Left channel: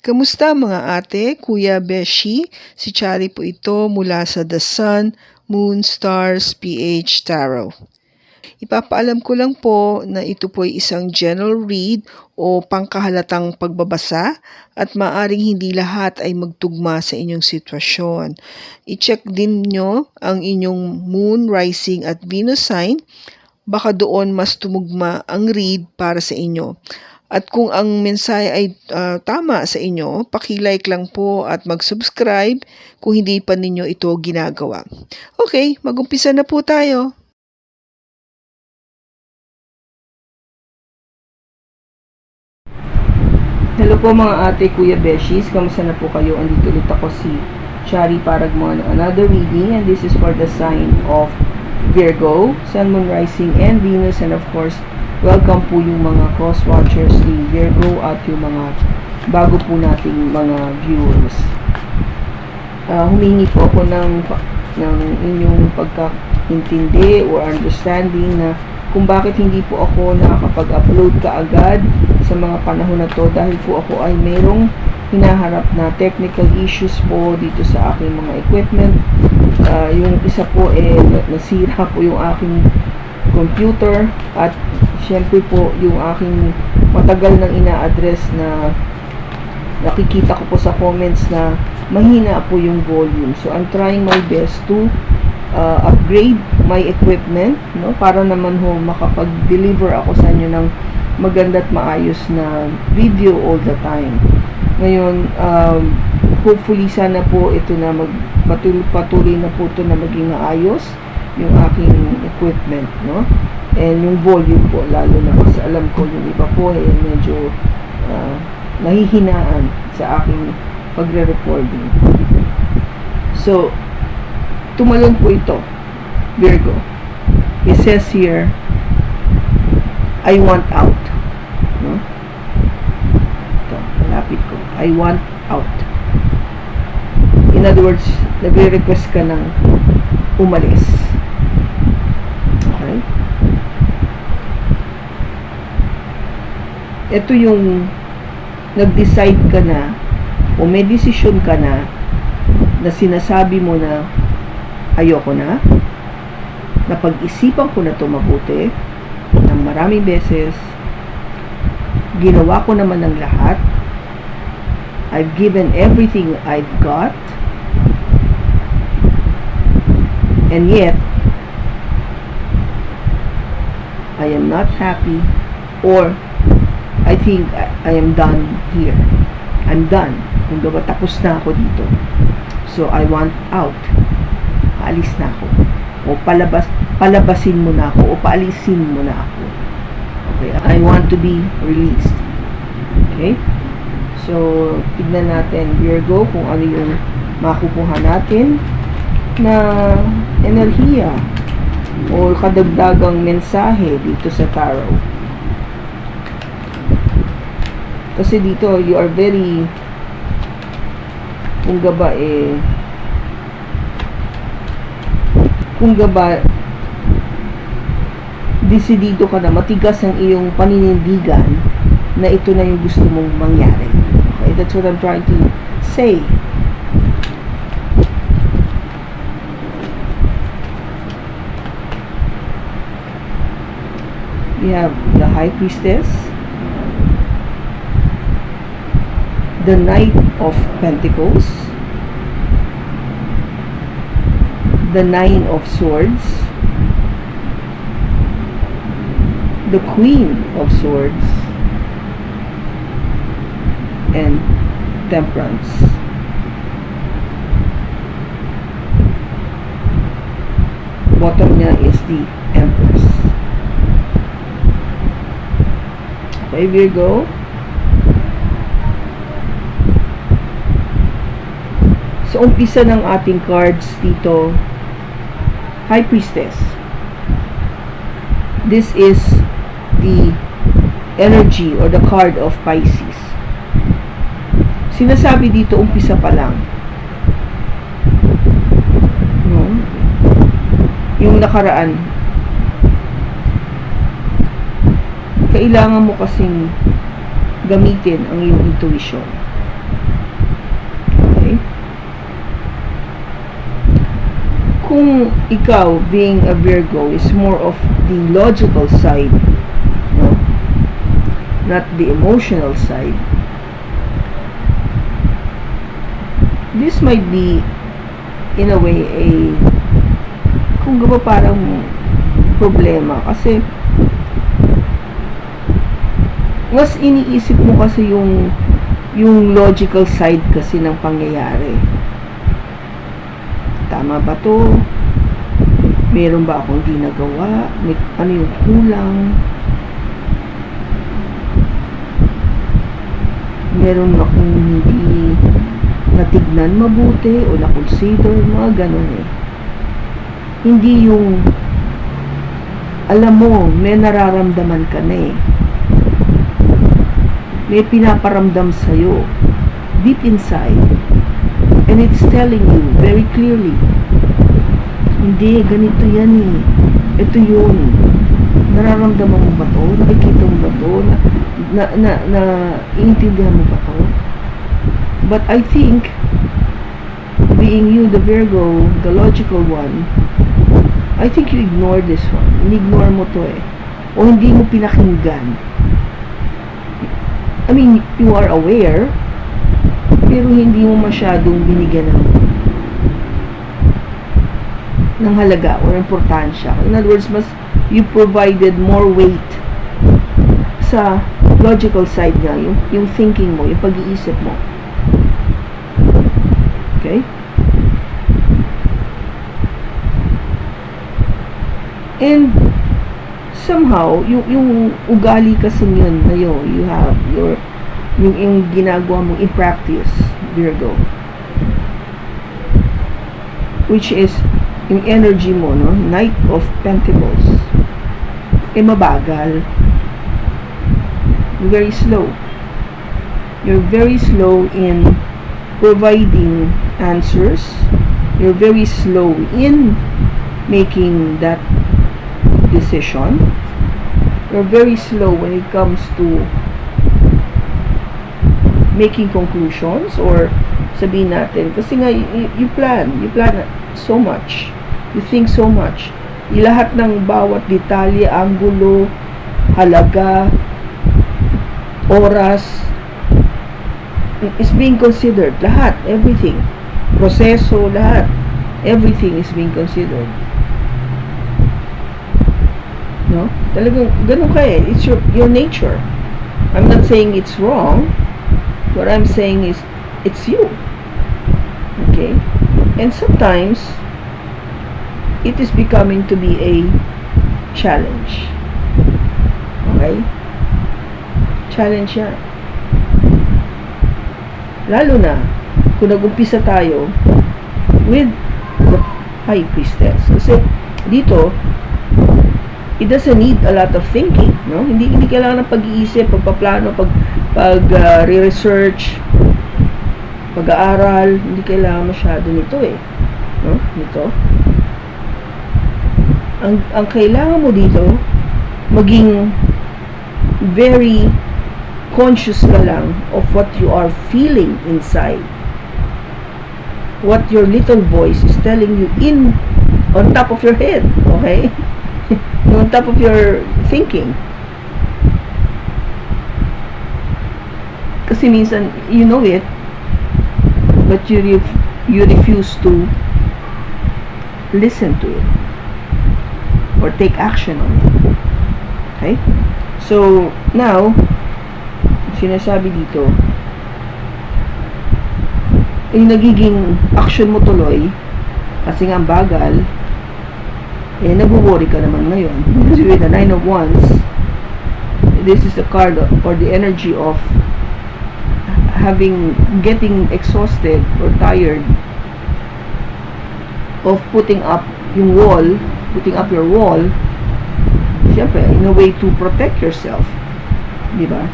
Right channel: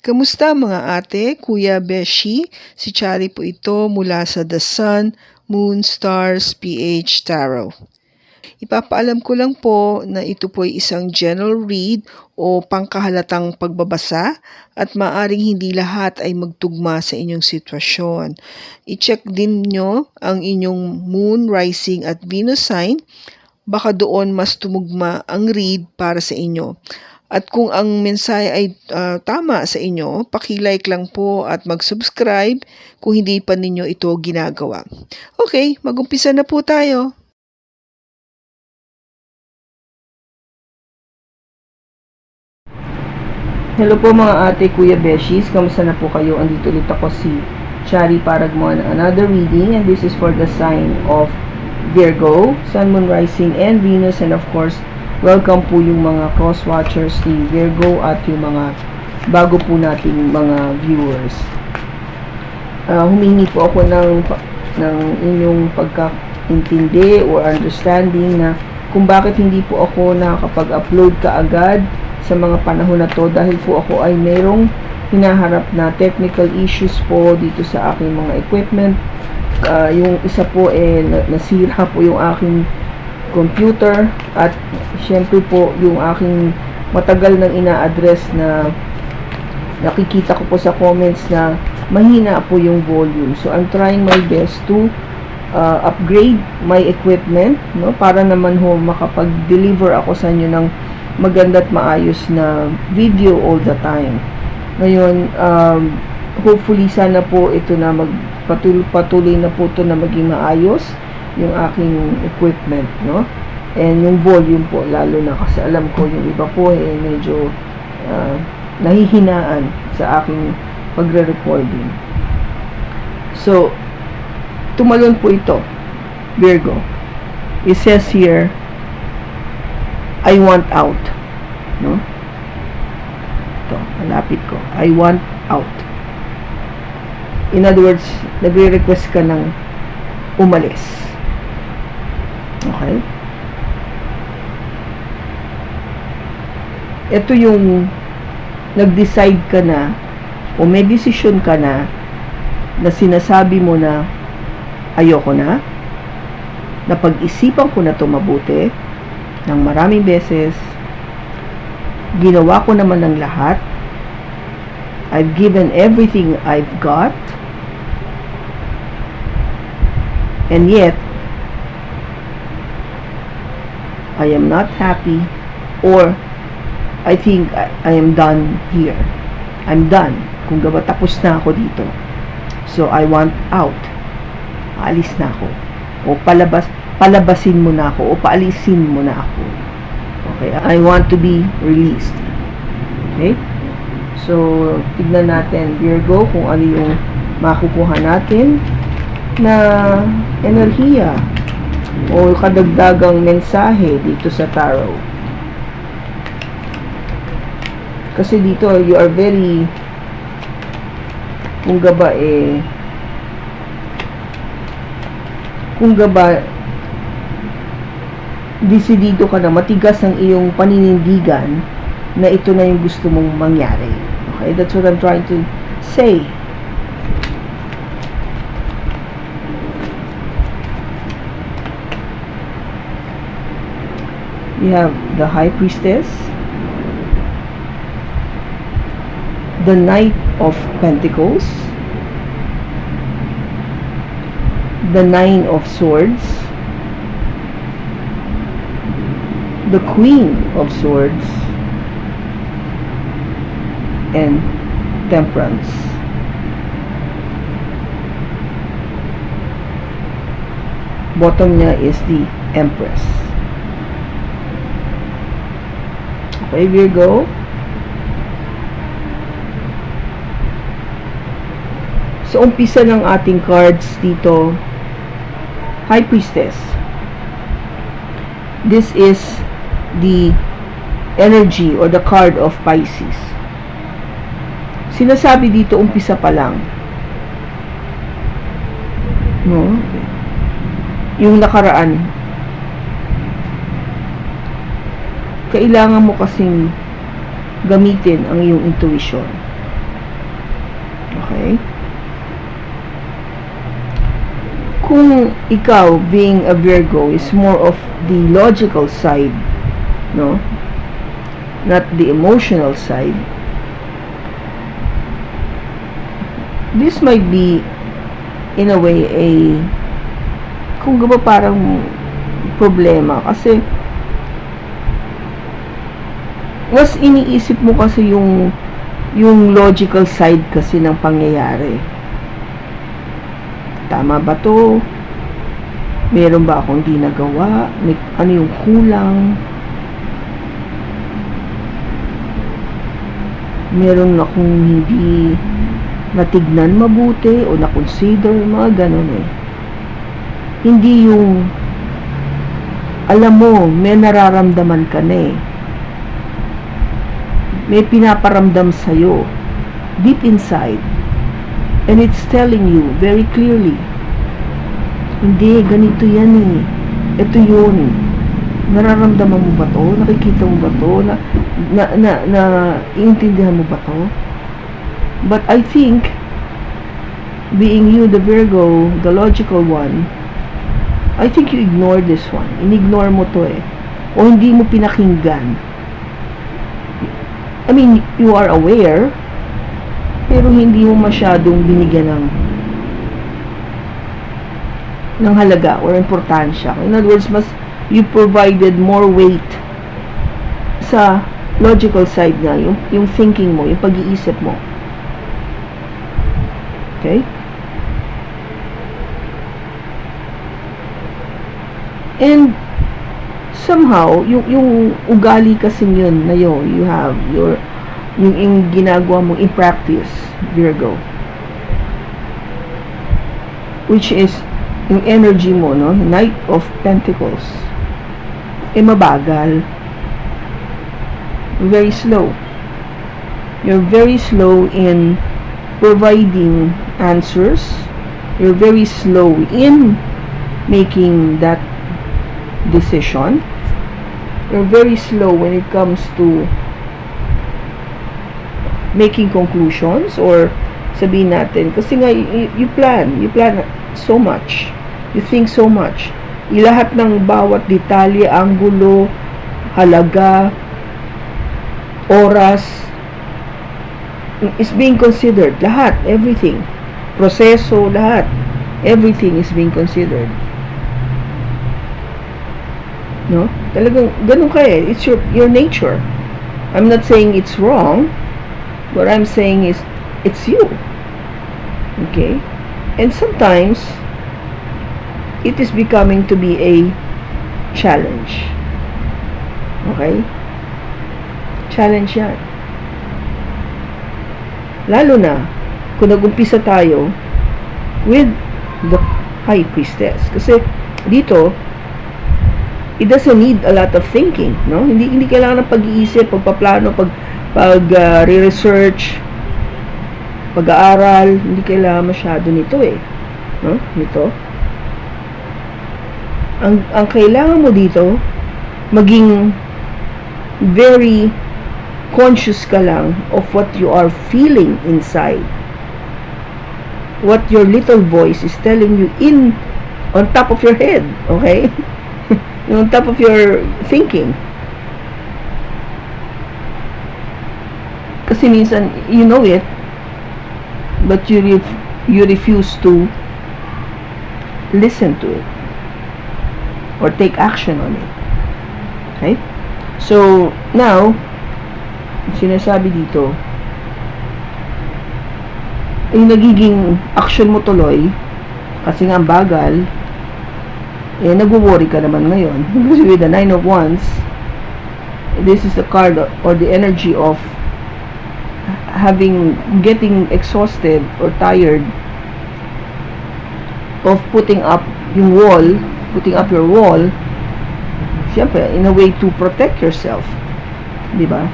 Kamusta mga ate, kuya, beshi? Si Chari po ito mula sa The Sun, Moon, Stars, PH Tarot. Ipapaalam ko lang po na ito po ay isang general read o pangkahalatang pagbabasa at maaring hindi lahat ay magtugma sa inyong sitwasyon. I-check din nyo ang inyong Moon, Rising at Venus sign. Baka doon mas tumugma ang read para sa inyo. At kung ang mensahe ay tama sa inyo, paki-like lang po at mag-subscribe kung hindi pa ninyo ito ginagawa. Okay, mag-umpisa na po tayo. Hello po mga ate, kuya, beshies. Kamusta na po kayo? Andito ulit ako si Chari Paragmon. Another reading, and this is for the sign of Virgo, Sun, Moon, Rising, and Venus. And of course, welcome po yung mga cross-watchers ni Virgo at yung mga bago po nating mga viewers. Humingi po ako ng inyong pagkaintindi or understanding na kung bakit hindi po ako nakakapag-upload kaagad sa mga panahon na to, dahil po ako ay mayroong hinaharap na technical issues po dito sa aking mga equipment. Yung isa po nasira po yung aking computer, at syempre po yung aking matagal nang ina-address na nakikita ko po sa comments na mahina po yung volume. So I'm trying my best to upgrade my equipment, no, para naman ho makapag-deliver ako sa inyo ng maganda at maayos na video all the time. Ngayon, hopefully sana po ito na patuloy na po ito na maging maayos yung aking equipment, no, and yung volume po, lalo na kasi alam ko yung iba po medyo nahihinaan sa aking pagre-recording. So tumalon po ito, Virgo. It says here, I want out. No? Ito, malapit ko. I want out. In other words, nagre-request ka ng umalis. Okay? Ito yung nag-decide ka na o may decision ka na sinasabi mo na ayoko na, napag-isipan ko na ito mabuti ng maraming beses, ginawa ko naman ng lahat, I've given everything I've got, and yet I am not happy, or I think I am done here. I'm done. Kung diba, tapos na ako dito. So I want out. Paalis na ako, o palabasin mo na ako, o paalisin mo na ako. Okay, I want to be released. Okay, so tignan natin, Virgo, kung ano yung makukuha natin na enerhiya o kadagdagang mensahe dito sa tarot. Kasi dito you are very, kung gaba desidido ka na, matigas ang iyong paninindigan na ito na yung gusto mong mangyari. Okay, that's what I'm trying to say. We have the High Priestess, the Knight of Pentacles, the Nine of Swords, the Queen of Swords, and Temperance. Bottom niya is the Empress. Okay, Virgo. So umpisa ng ating cards dito, High Priestess. This is the energy or the card of Pisces. Sinasabi dito, umpisa pa lang, no? Yung nakaraan, kailangan mo kasing gamitin ang iyong intuition. kung ikaw, being a Virgo, is more of the logical side, no? Not the emotional side. This might be, in a way, kung ba parang problema. Kasi, mas iniisip mo kasi yung logical side kasi ng pangyayari. Tama ba to? Meron ba akong di nagawa? Ano yung kulang? Meron akong hindi natignan mabuti o na-consider, mga ganun eh. Hindi yung alam mo, may nararamdaman ka na eh. May pinaparamdam sa'yo deep inside, and it's telling you very clearly, hindi, ganito yan eh, ito yun, nararamdaman mo ba to? Nakikita mo ba to? Iintindihan mo ba to? But I think, being you, the Virgo, the logical one, I think you ignore this one. Inignore mo to eh. O hindi mo pinakinggan. I mean, you are aware, pero hindi mo masyadong binigyan ng halaga or importansya. In other words, you provided more weight sa logical side nga, yung thinking mo, yung pag-iisip mo. Okay? And somehow, yung ugali kasi yun na yun, you have yung ginagawa mo in practice, Virgo, which is yung energy mo, no? Knight of Pentacles, mabagal. Very slow. You're very slow in providing answers. You're very slow in making that decision. You're very slow when it comes to making conclusions, or sabihin natin, kasi nga you plan so much, you think so much, lahat ng bawat detalye, anggulo, halaga, oras is being considered, lahat, everything, proseso, lahat, everything is being considered. No? Talagang ganun ka eh. It's your nature. I'm not saying it's wrong. What I'm saying is it's you. Okay? And sometimes it is becoming to be a challenge. Okay? Challenge yan. Lalo na kung nag-umpisa tayo with the High Priestess. Kasi dito, it doesn't need a lot of thinking, no? Hindi kailangan ng pag-iisip, pagpaplano, re-research, pag-aaral, hindi kailangan masyado nito eh, no? Nito. Ang kailangan mo dito, maging very conscious ka lang of what you are feeling inside. What your little voice is telling you on top of your head, okay? On top of your thinking. Kasi minsan, you know it, but you refuse to listen to it or take action on it. Okay? So, now, sinasabi dito, yung nagiging action mo tuloy, kasi nga bagal, nagwo-worry ka naman ngayon. Kasi with the Nine of Wands, this is the card or the energy of getting exhausted or tired of putting up your wall, syempre, in a way to protect yourself. Diba?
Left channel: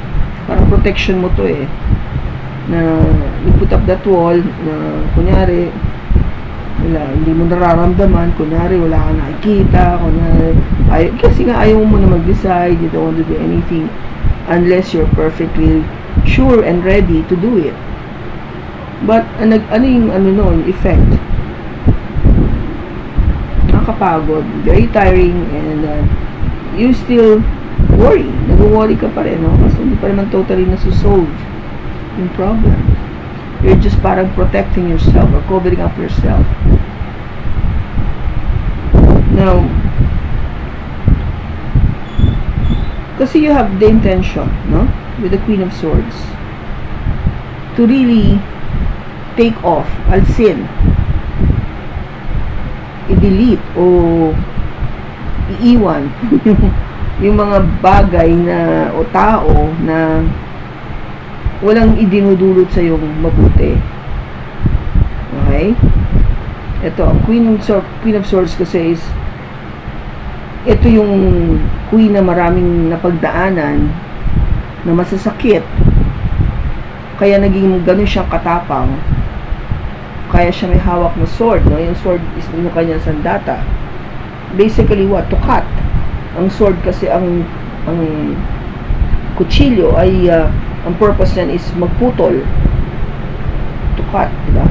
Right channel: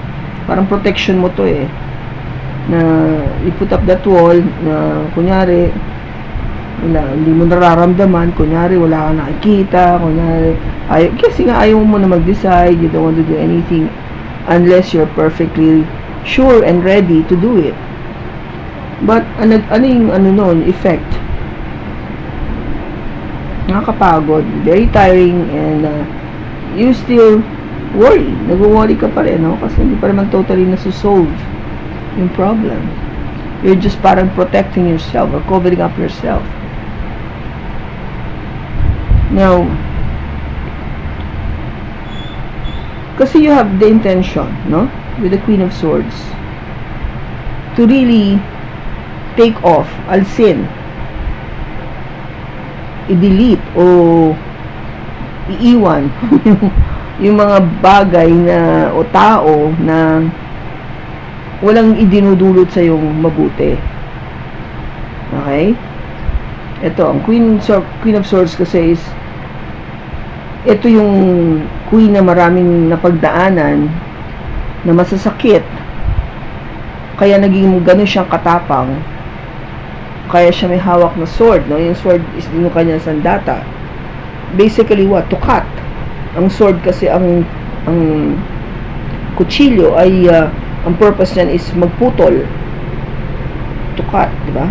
Parang protection mo to eh. Na you put up that wall, na kunyari, hindi mo nararamdaman, kunyari wala kang nakikita, kunyari kasi nga ayaw mo na mag-decide, you don't want to do anything unless you're perfectly sure and ready to do it. But ano yung effect? nakakapagod, very tiring, and you still worry. Nag-worry ka pa rin, no? Kasi hindi pa naman totally nasusolve yung problem. You're just parang protecting yourself or covering up yourself. Now, kasi you have the intention, no? With the Queen of Swords, to really take off, alsin, i-delete o iiwan yung mga bagay na o tao na walang idinudulot sa yung mabuti. Okay? Ito, ang Queen of Swords kasi is ito yung queen na maraming napagdaanan na masasakit, kaya naging ganun siyang katapang, kaya siya may hawak na sword, no? Yung sword is yung kanyang sandata. Basically what? To cut. Ang sword kasi, ang kutsilyo ay ang purpose niyan is magputol, to cut, diba?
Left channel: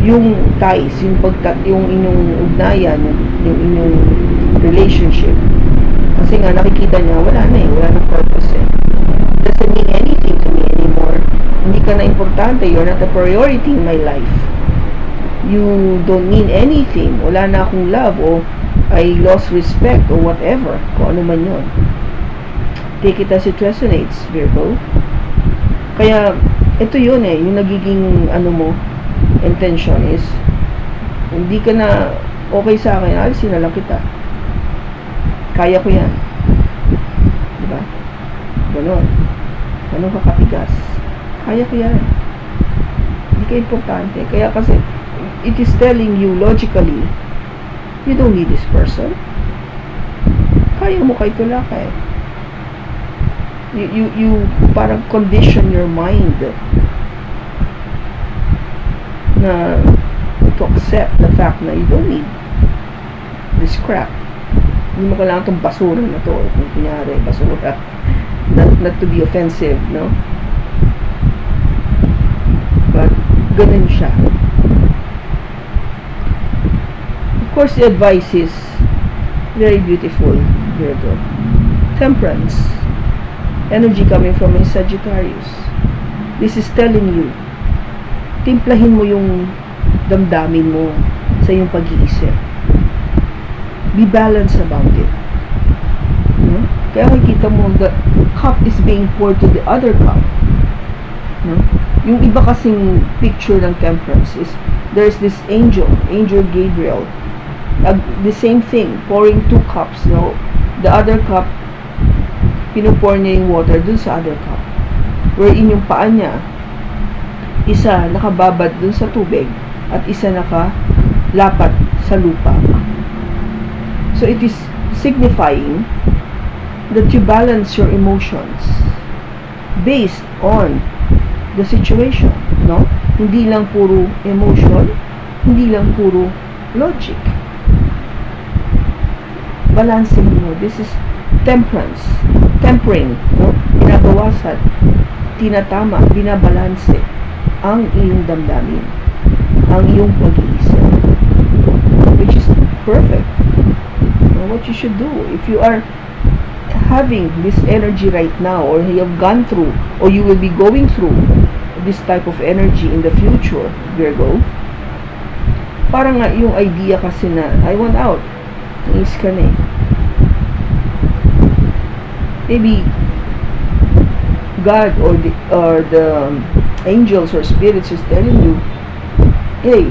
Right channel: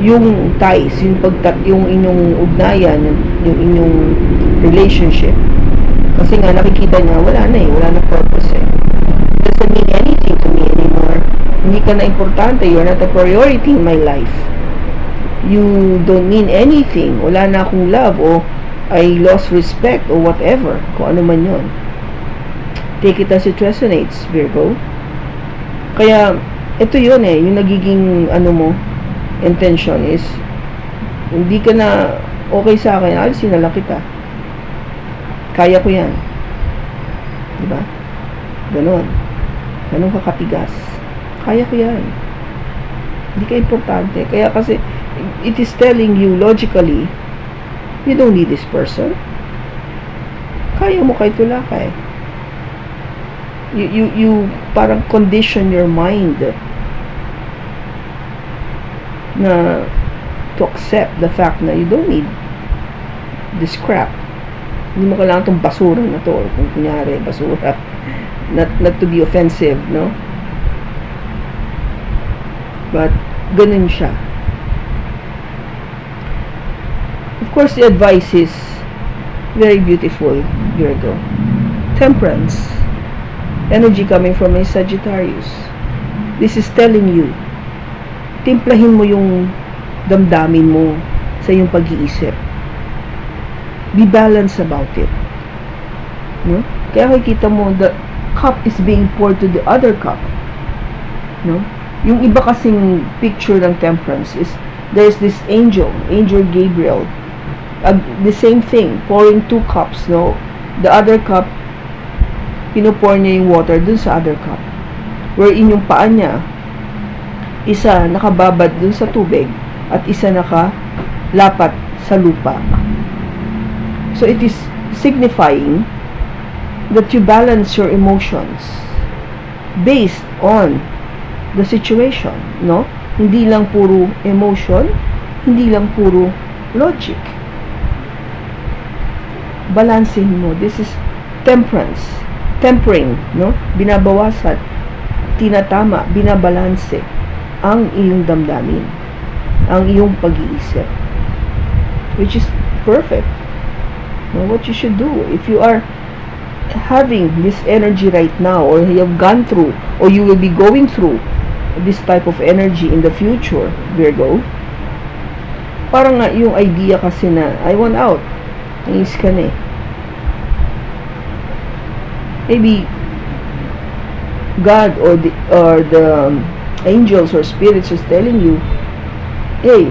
Yung ties, yung inyong ugnayan, yung inyong relationship, kasi nga nakikita niya wala na purpose eh. It doesn't mean anything to me anymore. Hindi ka na importante, you're not a priority in my life. You don't mean anything. Wala na akong love, o I lost respect, or whatever, kung ano man yun. Take it as it resonates, Virgo. Kaya ito yun eh, yung nagiging mo, intention is hindi ka na okay sa akin, alisin na lang kita, kaya ko yan, diba? Ganon ka katigas, kaya ko yan, hindi ka importante. Kaya kasi it is telling you logically, you don't need this person, kaya mo kahit wala ka eh. You parang condition your mind na to accept the fact na you don't need this crap. Hindi mo kailangan itong basura na to, kung kunyari basura, not to be offensive, no? But ganun siya. Of course, the advice is very beautiful, Virgo. Temperance, energy coming from a Sagittarius. This is telling you, timplahin mo yung damdamin mo sa iyong pag-iisip. Be balanced about it. No? Kaya makikita mo, the cup is being poured to the other cup. No? Yung iba kasing picture ng temperance is, there's this angel Gabriel, the same thing, pouring 2 cups, no? The other cup, pinupor niya yung water dun sa other cup, wherein yung paa niya, isa nakababad dun sa tubig at isa nakalapat sa lupa. So it is signifying that you balance your emotions based on the situation, no? Hindi lang puro emotion, hindi lang puro logic. Balancing mo. This is temperance, tempering, no? Binabawasan, tinatama, binabalanse ang iyong damdamin, ang iyong pag-iisip, which is perfect. You know, what you should do if you are having this energy right now, or you have gone through, or you will be going through this type of energy in the future, Virgo. Parang nga yung idea kasi na I want out, nangis ka na eh. Maybe God or the angels or spirits is telling you, hey,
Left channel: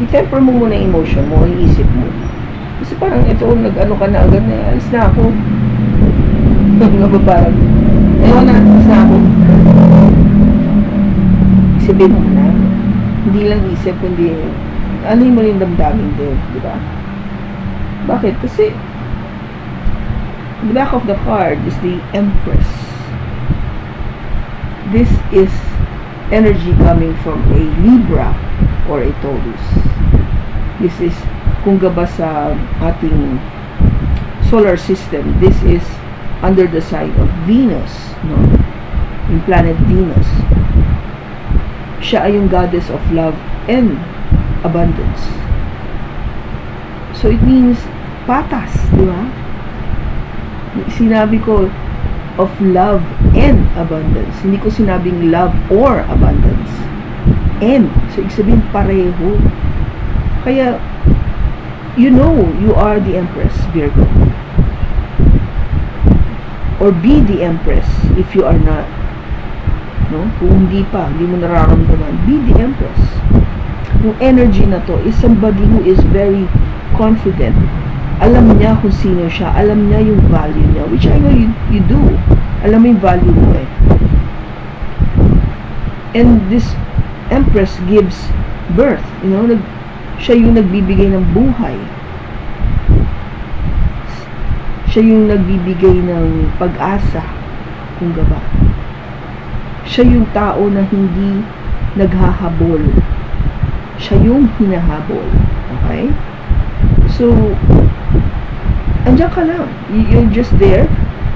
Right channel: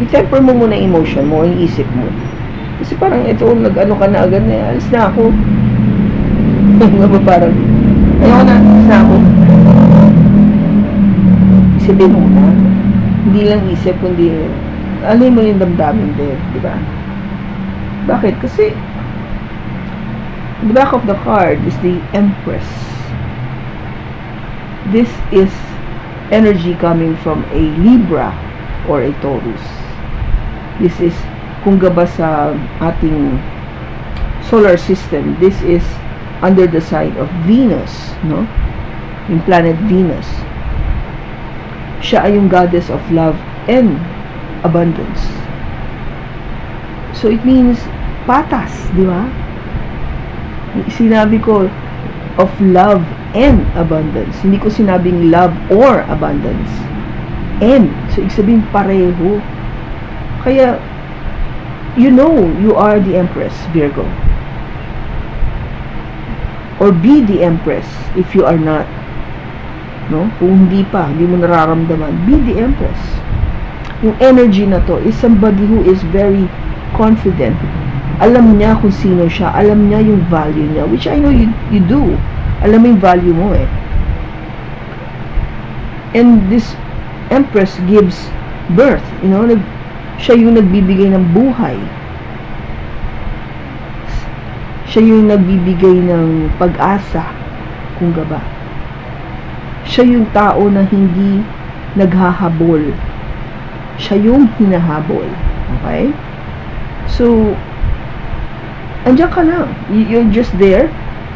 i-temper mo muna emotion mo, yung isip mo. Kasi parang ito, nag-ano ka na agad na, alis na ako. Parang, ayaw na, alis na ako. Isipin mo na, hindi lang isip, kundi, ano yung maling damdamin din, di ba? Bakit? Kasi, the back of the card is the Empress. This is energy coming from a Libra or a Taurus. This is, kung gaba sa ating solar system, this is under the sign of Venus, no? Yung planet Venus. Siya ay yung goddess of love and abundance. So it means patas, di ba? Sinabi ko of love and abundance. Hindi ko sinabing love or abundance. And, so ibig sabihin pareho. Kaya, you know you are the Empress, Virgo. Or be the Empress if you are not. No? Kung hindi pa, hindi mo nararamdaman, be the Empress. Yung energy na to is somebody who is very confident. Alam niya kung sino siya, alam niya yung value niya, which I know you do. Alam mo yung value mo eh. And this Empress gives birth, siya yung nagbibigay ng buhay. Siya yung nagbibigay ng pag-asa, kung ba. Siya yung tao na hindi naghahabol. Siya yung hinahabol. Okay? So, andiyan ka lang. You're just there,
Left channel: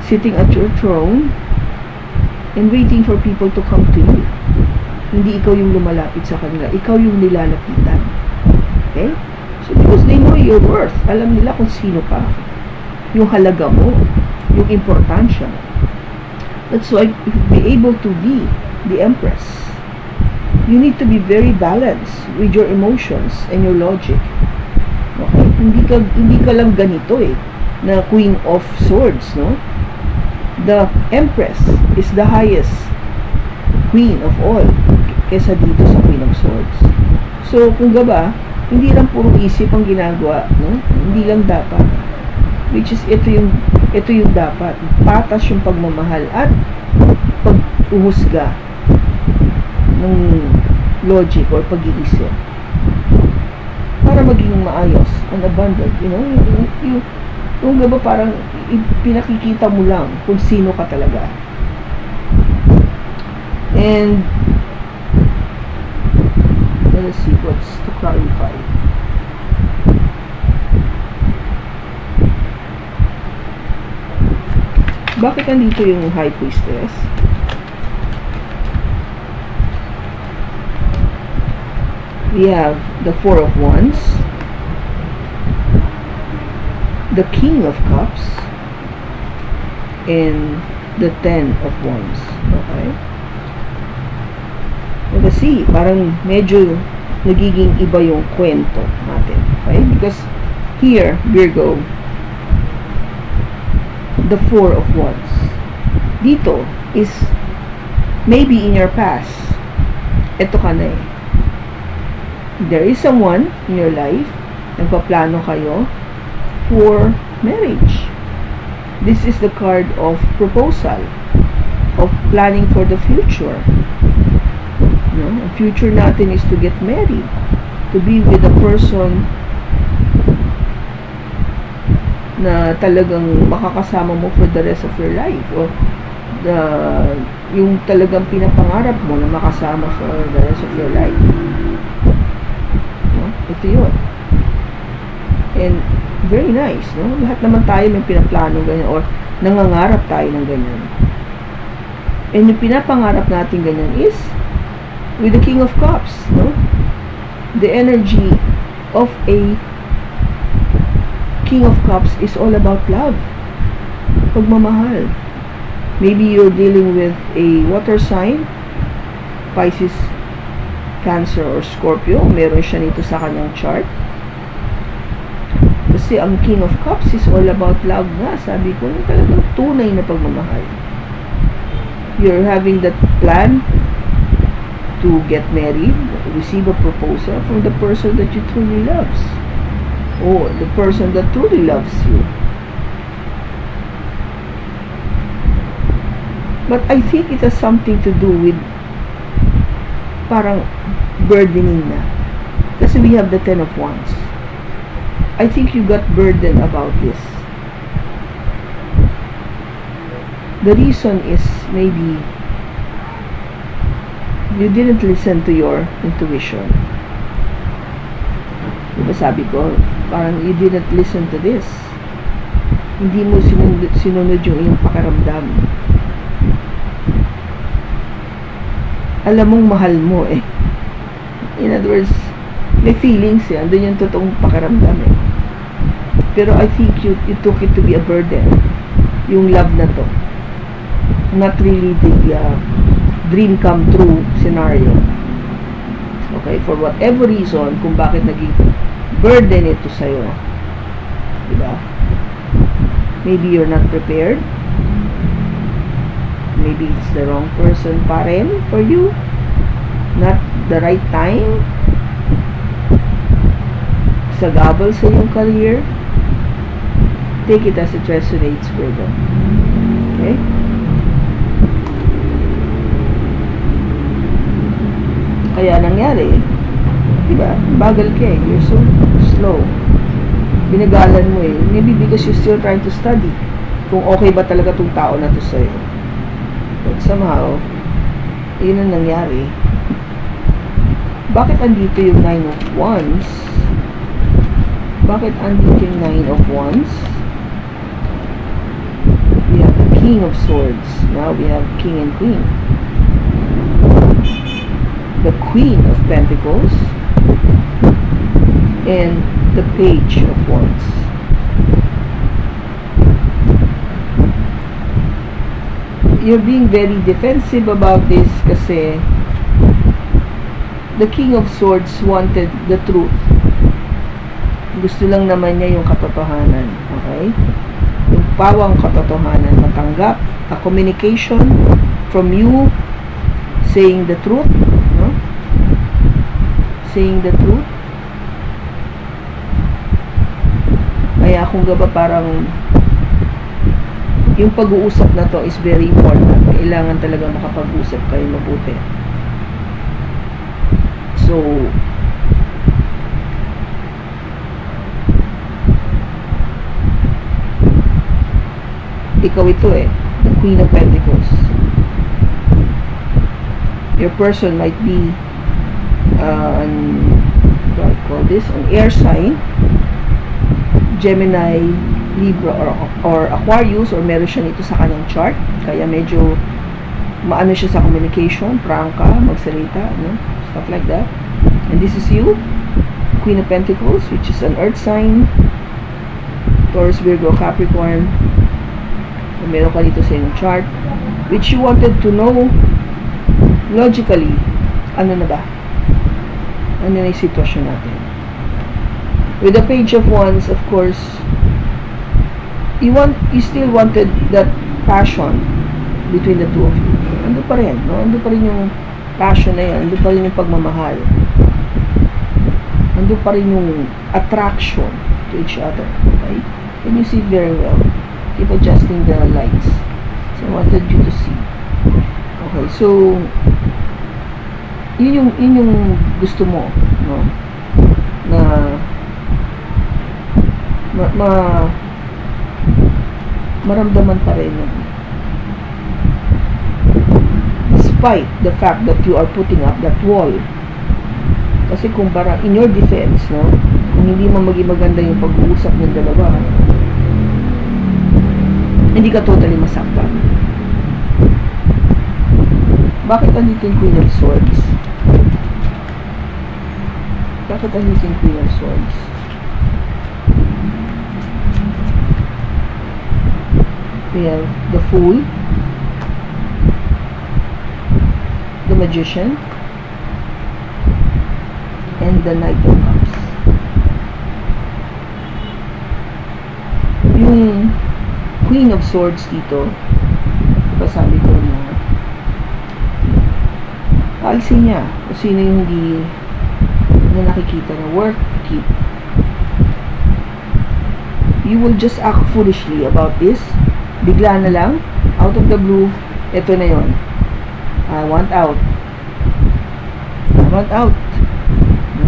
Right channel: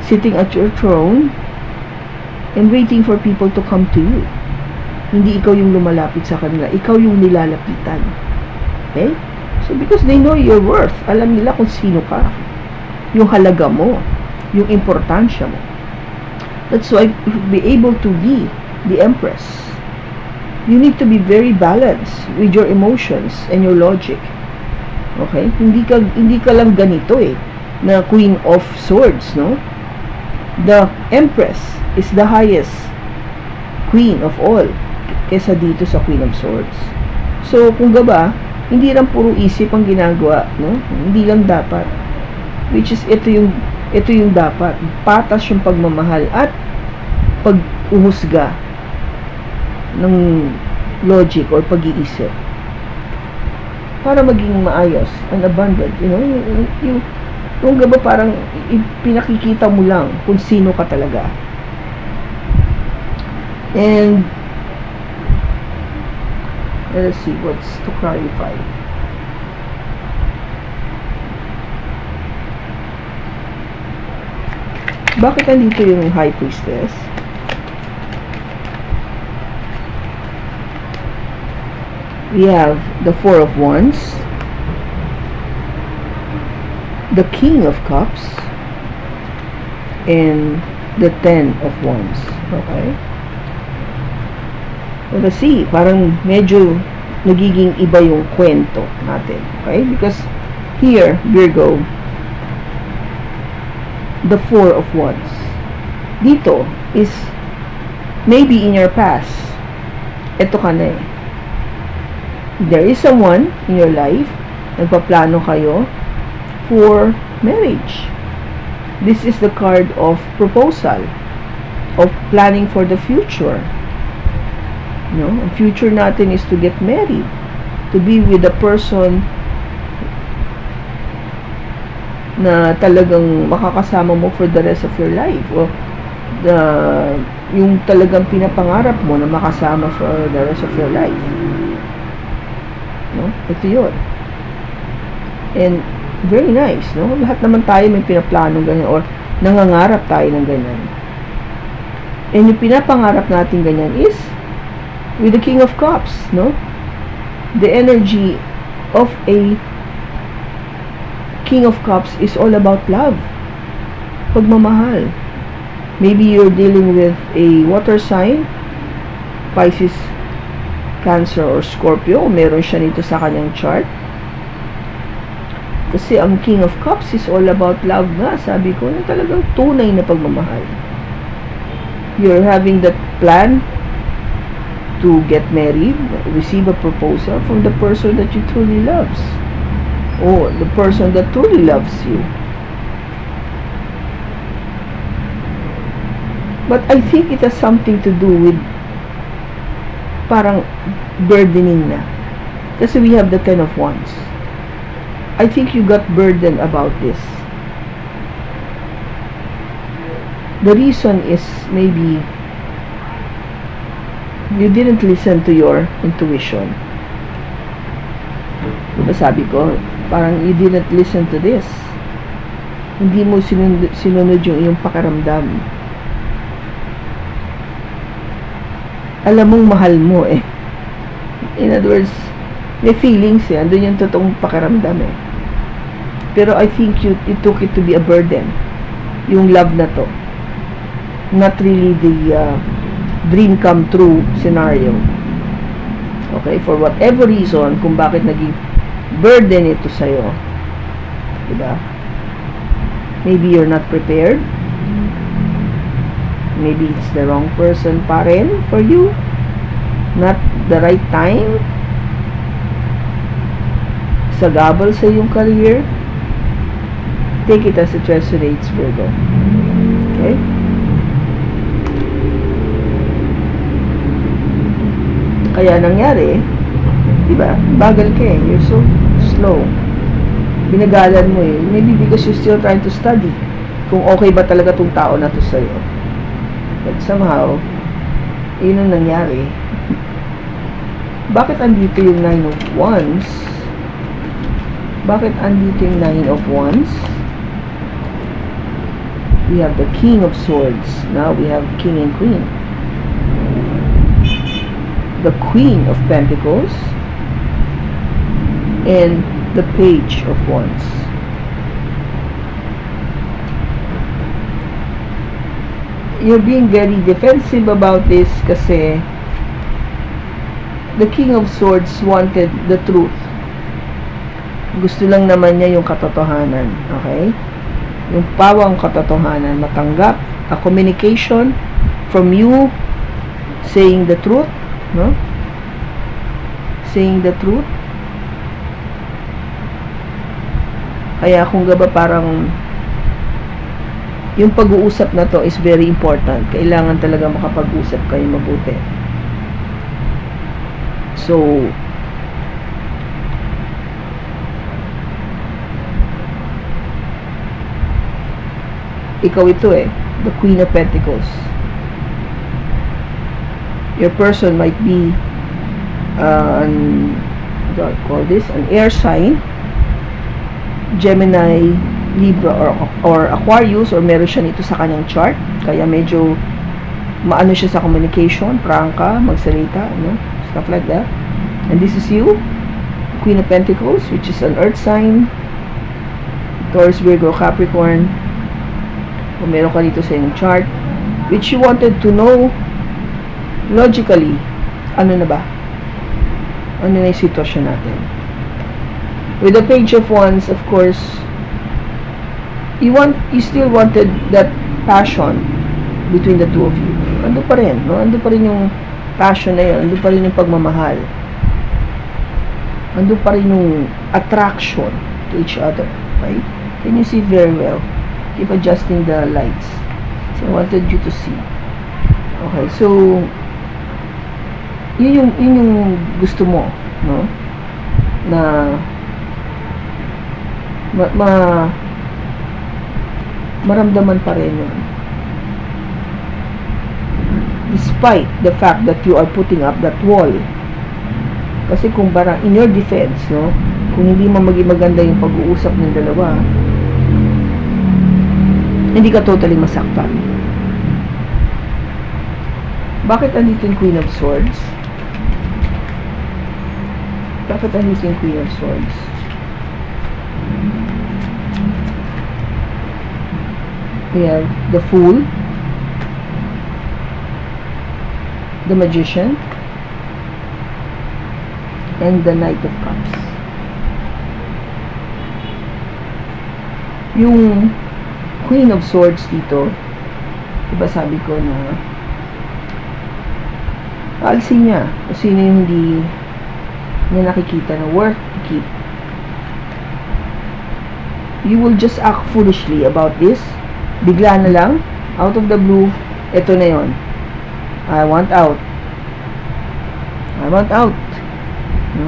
sitting at your throne, and waiting for people to come to you. Hindi ikaw yung lumalapit sa kanila. Ikaw yung nilalapitan. Okay? So, because they know your worth. Alam nila kung sino ka. Yung halaga mo. Yung importansya mo. That's why, if you be able to be the Empress, you need to be very balanced with your emotions and your logic. Okay? Hindi ka lang ganito eh, na Queen of Swords, no? The Empress is the highest Queen of all kesa dito sa Queen of Swords. So, kung ba, hindi lang puro isip ang ginagawa, no? Hindi lang dapat. Which is, ito yung dapat. Patas yung pagmamahal at pag-uhusga ng logic or pag-iisip para maging maayos and abundant, yung gaba parang pinakikita mo lang kung sino ka talaga. And let's see what's to clarify. Bakit nandito yung High Priestess? We have the Four of Wands, the King of Cups, and the Ten of Wands. Okay? Kasi parang medyo nagiging iba yung kwento natin. Okay? Because here, Virgo, the Four of Wands. Dito is maybe in your past, eto ka na eh. There is someone in your life, nagpaplano kayo for marriage. This is the card of proposal, of planning for the future. Ang future natin is to get married, to be with a person na talagang makakasama mo for the rest of your life, or yung talagang pinapangarap mo na makasama for the rest of your life. Ito yun. And very nice, no? Lahat naman tayo may pinaplano ganyan or nangangarap tayo ng ganyan. And yung pinapangarap natin ganyan is with the King of Cups, no? The energy of a King of Cups is all about love. Pagmamahal. Maybe you're dealing with a water sign, Pisces, Cancer, or Scorpio. Meron siya nito sa kanyang chart. Kasi ang King of Cups is all about love na. Sabi ko, yung talagang tunay na pagmamahal. You're having that plan to get married, receive a proposal from the person that you truly loves, or the person that truly loves you. But I think it has something to do with parang burdening na. Kasi we have the Ten of Wands. I think you got burdened about this. The reason is maybe you didn't listen to your intuition. Diba sabi ko, parang you didn't listen to this. Hindi mo sinunod yung iyong pakaramdam. Alam mong mahal mo eh. In other words, may feelings eh. Andun yung totoong pakiramdam eh. Pero I think you took it to be a burden. Yung love na to. Not really the dream come true scenario. Okay? For whatever reason, kung bakit naging burden ito sa'yo. Diba? Maybe you're not prepared. Maybe it's the wrong person pa rin for you. Not the right time. Sagabal sa yung career. Take it as it resonates, Virgo. Okay? Kaya nangyari, diba? Bagal ka eh. You're so slow. Binagalan mo eh. Maybe because you're still trying to study. Kung okay ba talaga tong tao na to sa'yo. But somehow, yun ang nangyari. Bakit andito yung 9 of Wands? Bakit andito yung 9 of Wands? We have the King of Swords. Now we have King and Queen. The Queen of Pentacles. And the Page of Wands. You're being very defensive about this kasi the King of Swords wanted the truth. Gusto lang naman niya yung katotohanan. Okay? Yung pawang katotohanan. Matanggap. A communication from you saying the truth. No? Saying the truth. Kaya kung gaba parang yung pag-uusap na to is very important. Kailangan talaga makapag-usap kayo mabuti. So, ikaw ito eh, the Queen of Pentacles. Your person might be what do I call this? An air sign, Gemini, Libra, or Aquarius, or meron siya nito sa kanyang chart. Kaya medyo maano siya sa communication, prangka, magsalita, no? Stuff like that. And this is you, Queen of Pentacles, which is an earth sign, Taurus, Virgo, Capricorn. Kung meron ka dito sa inyong chart, which you wanted to know logically, ano na ba? Ano na yung sitwasyon natin? With the Page of Wands, of course, you still wanted that passion between the two of you. Ando pa rin, no? Ando pa rin yung passion na yun. Ando pa rin yung pagmamahal. Ando pa rin yung attraction to each other. Right? Can you see very well? Keep adjusting the lights. So, I wanted you to see. Okay, so, yun yung gusto mo, no? Na maramdaman pa rin yun. Despite the fact that you are putting up that wall. Kasi kung parang in your defense, no? Kung hindi mo maging maganda yung pag-uusap ng dalawa, hindi ka totally masaktan. Bakit andito yung Queen of Swords? Bakit andito yung Queen of Swords? We have the Fool, the Magician, and the Knight of Cups. Yung Queen of Swords dito, diba sabi ko na alisin niya kung sino yung hindi niya nakikita na worth to keep. You will just act foolishly about this. Bigla na lang, out of the blue, eto na yon. I want out. I want out.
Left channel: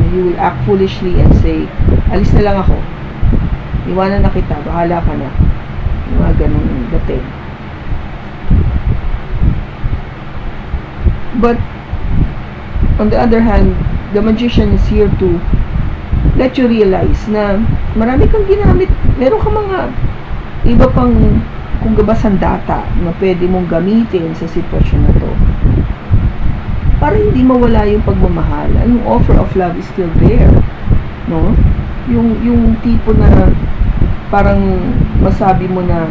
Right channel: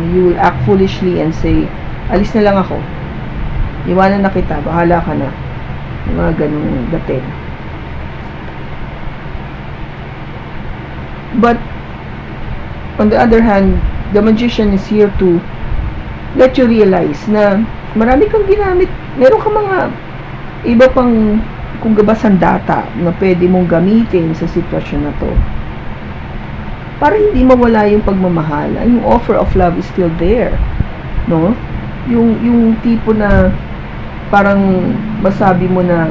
You will act foolishly and say, alis na lang ako. Iwanan na kita, bahala ka na. Mga ganun dating. But, on the other hand, the Magician is here to let you realize na marami kang ginamit. Meron ka mga iba pang kung gaba sandata na pwede mong gamitin sa sitwasyon na to. para hindi mawala yung pagmamahal. Yung offer of love is still there, no? Yung tipo na parang masabi mo na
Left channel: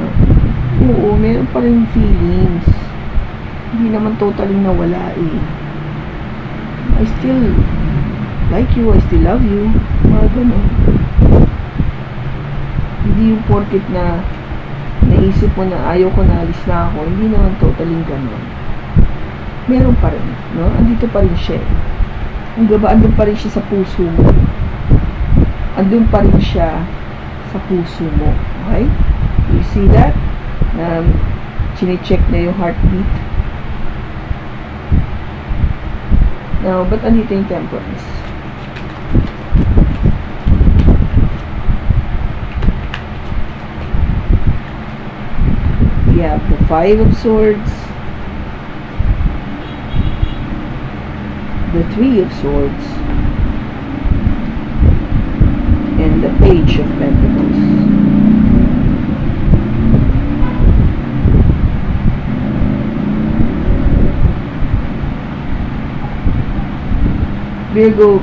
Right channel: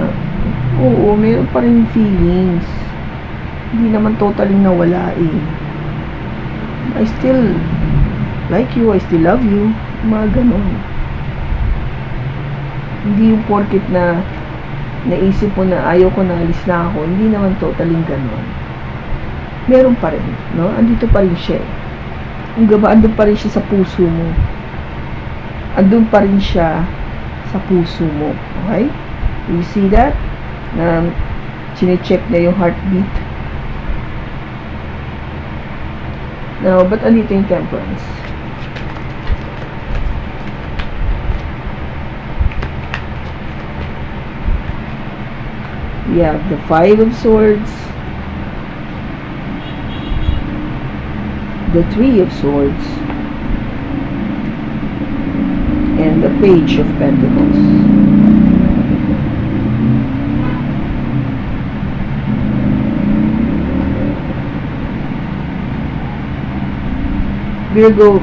oo, meron pa rin feelings, hindi naman totally nawala eh. I still like you, I still love you, mga ganon. Hindi yung porket na naisip mo na ayaw ko na, alis na ako, hindi naman totally ganon. Meron pa rin, no? Andito pa rin siya. Andun pa rin siya sa puso mo. Andun pa rin siya sa puso mo. Okay? You see that? Sine-check na yung heartbeat. Now, ba't andito yung Temperance? We have the Five of Swords, the Three of Swords, and the Page of Pentacles. Virgo,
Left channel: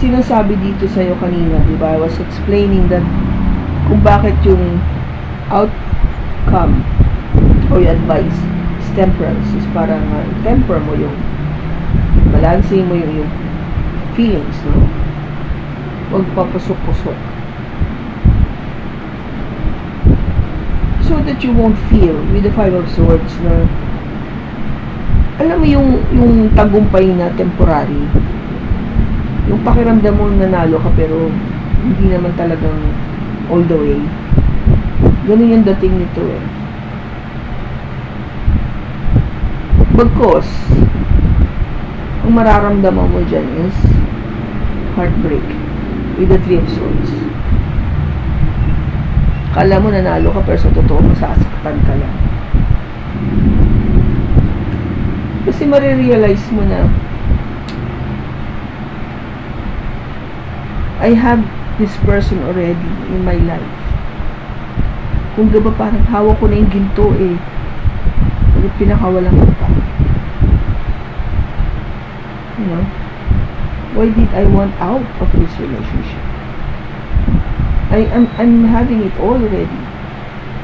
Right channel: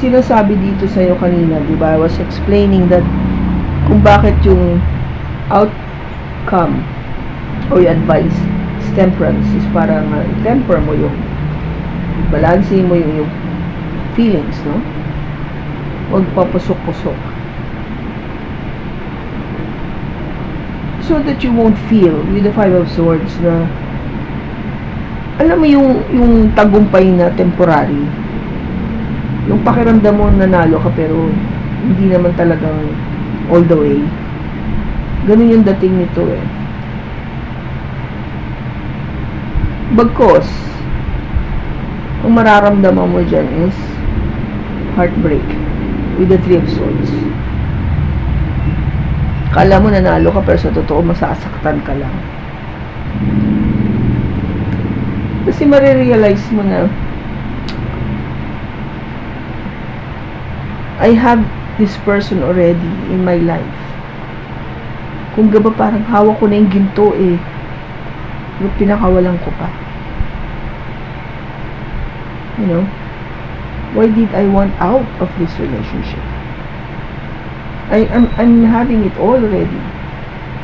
sinasabi dito sa'yo kanina, di ba? I was explaining that kung bakit yung outcome o yung advice is temperance, is para temper mo yung balansin mo yung feelings, no? Huwag papusok-pusok. So that you won't feel with the Five of Swords na alam mo yung tagumpay na temporary, yung pakiramdam mo nanalo ka pero hindi naman talagang all the way. Ganun yung dating nito eh. Bagkos ang mararamdaman mo dyan is heartbreak with the Three of Swords. Kala mo nanalo ka pero sa totoo masasaktan ka lang. Kasi marirealize mo na I have this person already in my life. Kung gaba parang hawak ko na yung ginto eh, pinakawalan ko pa. You know, why did I want out of this relationship? I'm having it all already.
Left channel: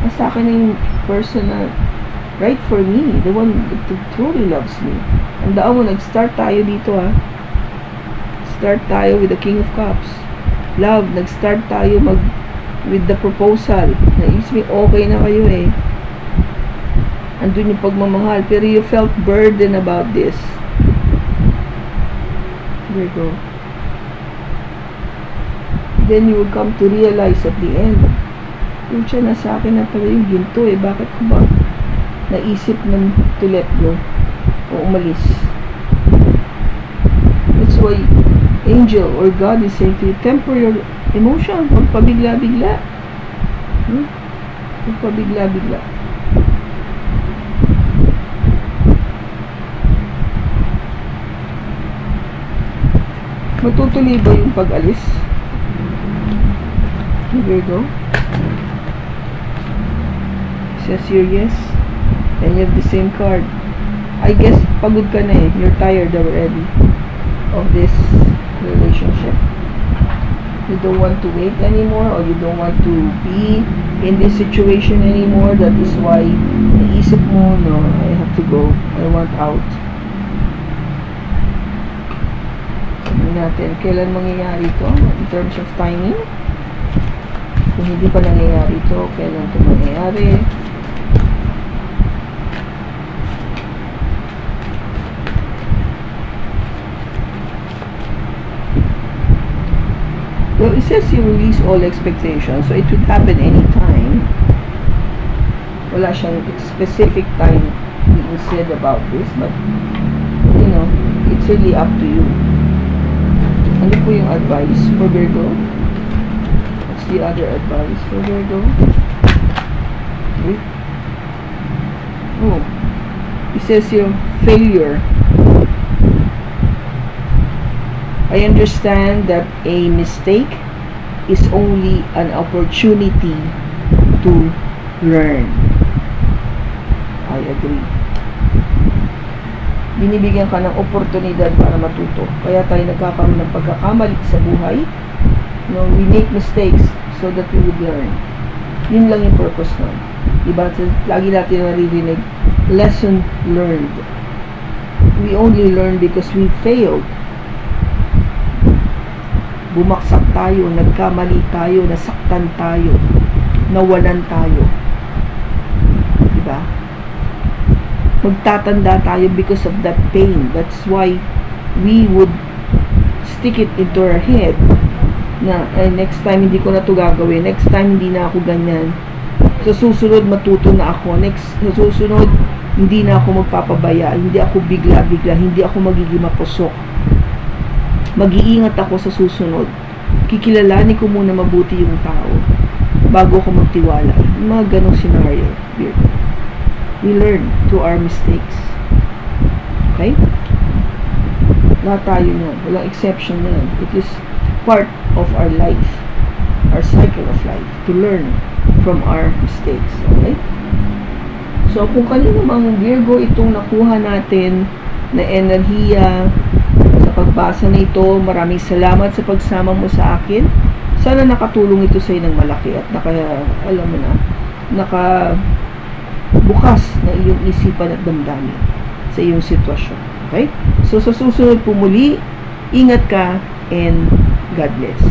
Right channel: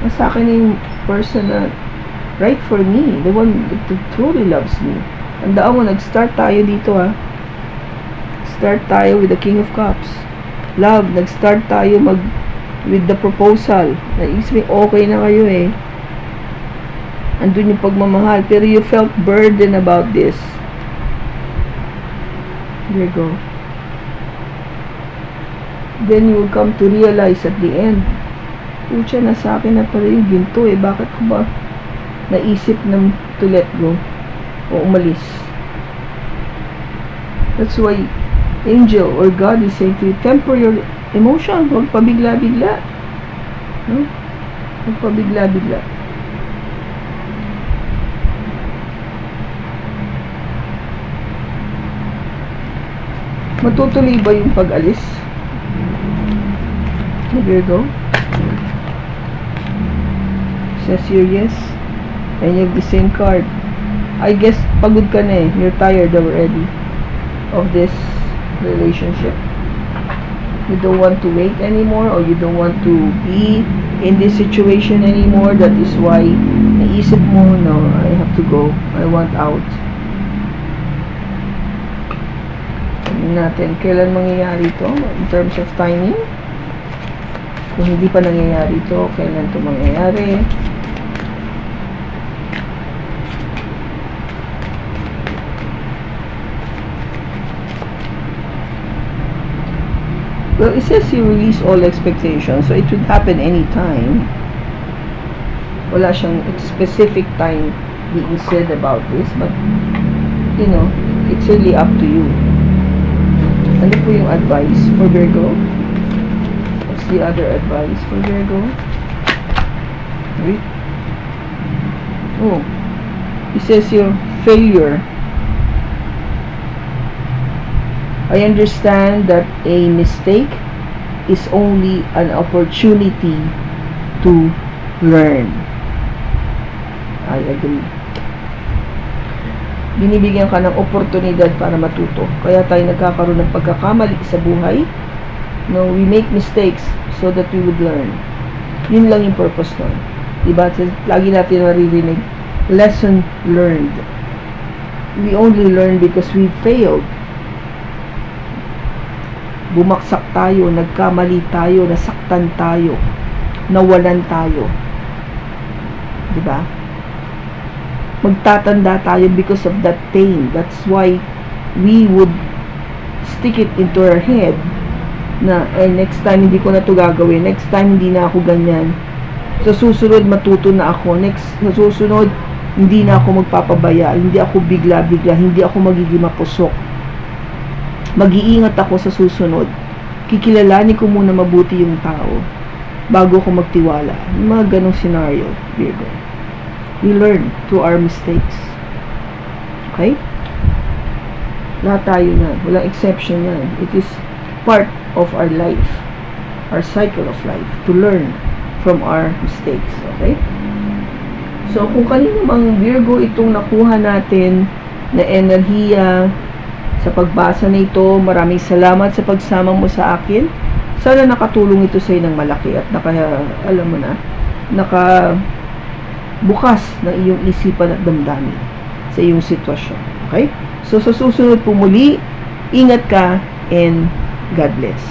Mas sa akin na yung person na right for me, the one that truly loves me. Andaan mo, nag-start tayo dito ha. Start tayo with the King of Cups. Love, nag-start tayo with the proposal. Naisip okay na kayo eh. Andun yung pagmamahal. Pero you felt burden about this. There you go. Then you will come to realize at the end, pucha, nasa akin na pala yung ginto eh. Bakit ko ba naisip na to let go o umalis? That's why angel or God is saying to you, temper your emotion. Huwag pabigla-bigla. Huwag pabigla-bigla. Matutuloy ba yung pag-alis? There you go. Says here yes. And you have the same card. I guess pagod ka na eh. You're tired already of this relationship. You don't want to wait anymore, or you don't want to be in this situation anymore. That is why naisip mo, no, I have to go. I want out. Tignan natin, kailan mangyayari ito in terms of timing. Kung hindi pa nangyayari ito, kailan ito mangyayari. Well, it says you release all expectations, so it should happen anytime. Wala siyang specific time being said about this, but, you know, it's really up to you. Ano po yung advice for Virgo? What's the other advice for Virgo? Wait. Oh, it says your failure. I understand that a mistake is only an opportunity to learn. I agree. binibigyan ka ng oportunidad para matuto. Kaya tayo nagkakaroon ng pagkakamali sa buhay. No, we make mistakes so that we would learn. Yun lang yung purpose nun. Diba? Lagi natin maririnig, lesson learned. We only learn because we failed. Bumaksak tayo, nagkamali tayo, nasaktan tayo, nawalan tayo. Diba? Magtatanda tayo because of that pain. That's why we would stick it into our head na next time hindi ko na to gagawin, next time hindi na ako ganyan, sa susunod matuto na ako, sa susunod hindi na ako magpapabaya, hindi ako bigla-bigla, hindi ako magiging mapusok, mag-iingat ako sa susunod, kikilalanin ko muna mabuti yung tao bago ako magtiwala. Yung mga ganong scenario, we learn through our mistakes. Okay? Lahat tayo na, walang exception yan. It is part of our life, our cycle of life, to learn from our mistakes. Okay? So, kung kanino mang Virgo itong nakuha natin na enerhiya sa pagbasa na ito, maraming salamat sa pagsama mo sa akin. Sana nakatulong ito sa iyo ng malaki at alam mo na, bukas ng iyong isipan at damdamin sa iyong sitwasyon. Okay? So, sa susunod po muli, ingat ka and God bless.